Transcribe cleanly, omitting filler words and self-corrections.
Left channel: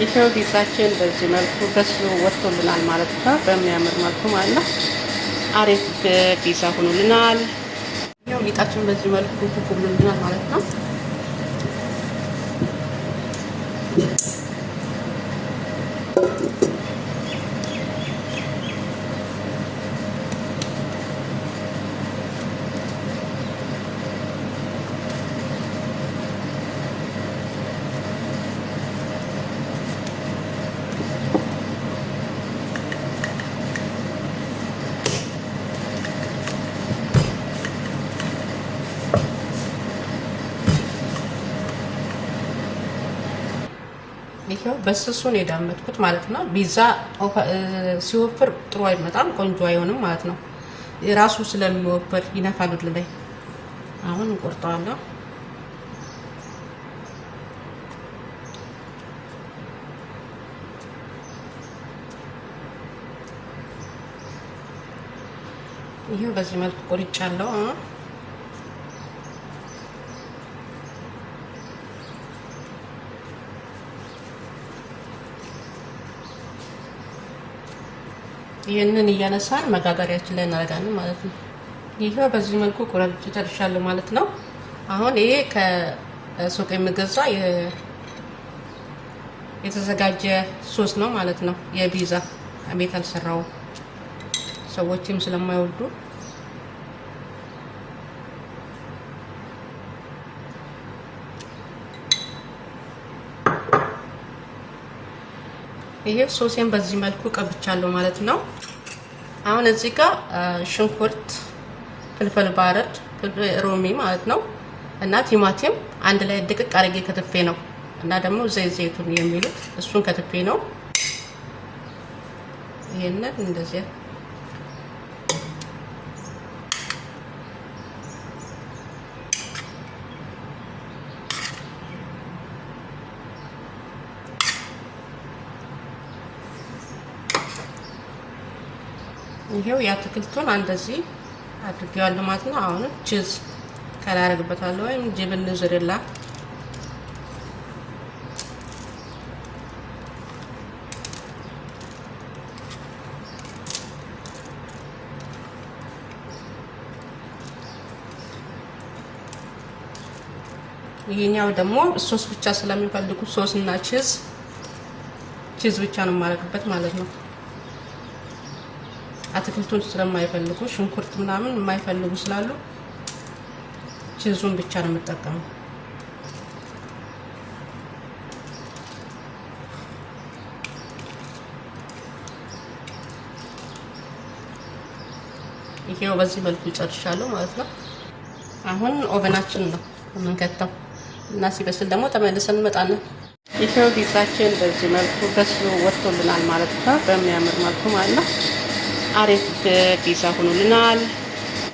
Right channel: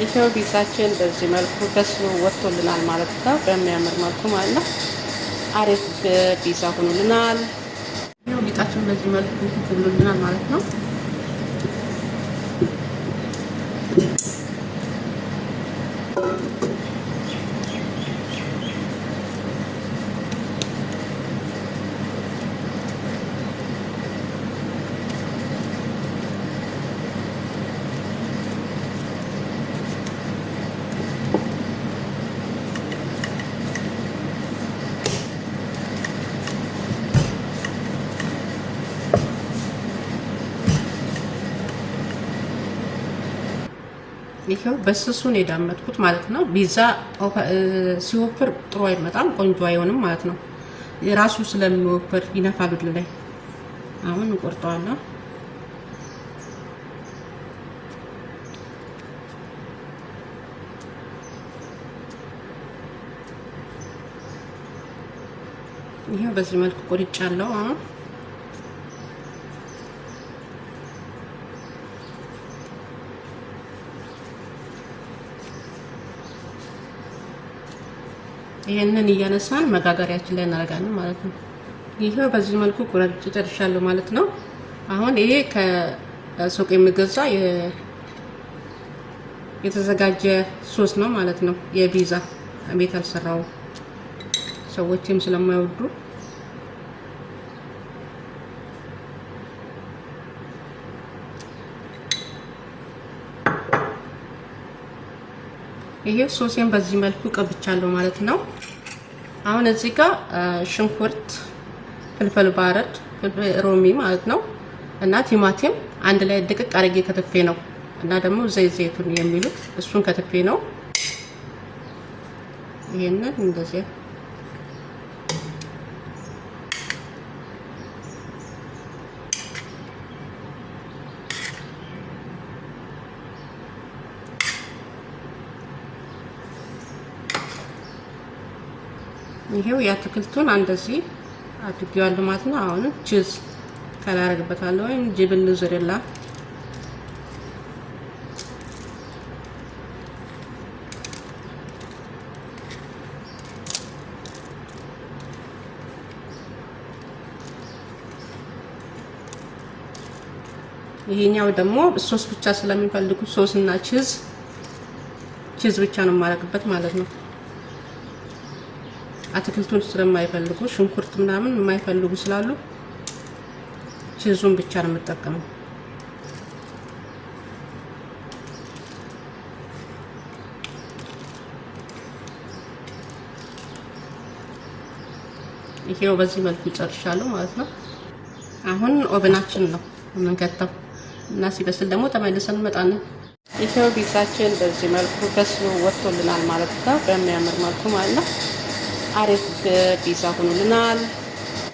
ይሄው ፒዛችን በዚህ መልኩ በስሎ ወጥቶልናል ማለት ነው። በሚያምር መልኩ ማለት ነው። አሪፍ ፒዛ ሆኖልናል። ይሄው ሊጣችን በዚህ መልኩ ሆኖልናል ማለት ነው። ይሄው በስሱ ነው የዳመጥኩት ማለት ነው። ፒዛ ሲወፍር ጥሩ አይመጣም፣ ቆንጆ አይሆንም ማለት ነው። የራሱ ስለሚወፍር ይነፋል ወደ ላይ። አሁን እንቆርጠዋለሁ። ይሄው በዚህ መልኩ ቆርጫለሁ። ይሄንን እያነሳን መጋገሪያችን ላይ እናደርጋለን ማለት ነው። ይሄው በዚህ መልኩ ቆራርጬ ጨርሻለሁ ማለት ነው። አሁን ይሄ ከሱቅ የሚገዛ የተዘጋጀ ሶስ ነው ማለት ነው። የፒዛ ቤት አልሰራው ሰዎችም ስለማይወዱ ይሄ ሶሴን በዚህ መልኩ ቀብቻለሁ ማለት ነው። አሁን እዚህ ጋር ሽንኩርት፣ ፍልፍል ባረድ፣ ሮሚ ማለት ነው እና ቲማቲም አንድ ላይ ድቅቅ አድርጌ ከተፌ ነው እና ደግሞ ዘይቱን የሚሉት እሱን ከተፌ ነው። ይሄንን እንደዚህ ይሄው ያትክልቱን እንደዚህ አድርጌዋለሁ ማለት ነው። አሁን ቺዝ ከላይ አደርግበታለሁ ወይም ጅብን ዝርላ ይሄኛው ደግሞ ሶስ ብቻ ስለሚፈልጉ ሶስ እና ቺዝ ብቻ ነው የማደርግበት ማለት ነው። አትክልቱን ስለማይፈልጉ ሽንኩርት ምናምን የማይፈልጉ ስላሉ ቺዙን ብቻ ነው የምጠቀመው። ይሄው በዚህ መልኩ ጨርሻለሁ ማለት ነው። አሁን ኦቨናችን ነው የምንከተው እና ሲበስል ደግሞ ተመልሰን እንመጣለን። ይሄው ፒዛችን በዚህ መልኩ በስሎ ወጥቶልናል ማለት ነው። በሚያምር መልኩ ማለት ነው። አሪፍ ፒዛ ሆኖልናል።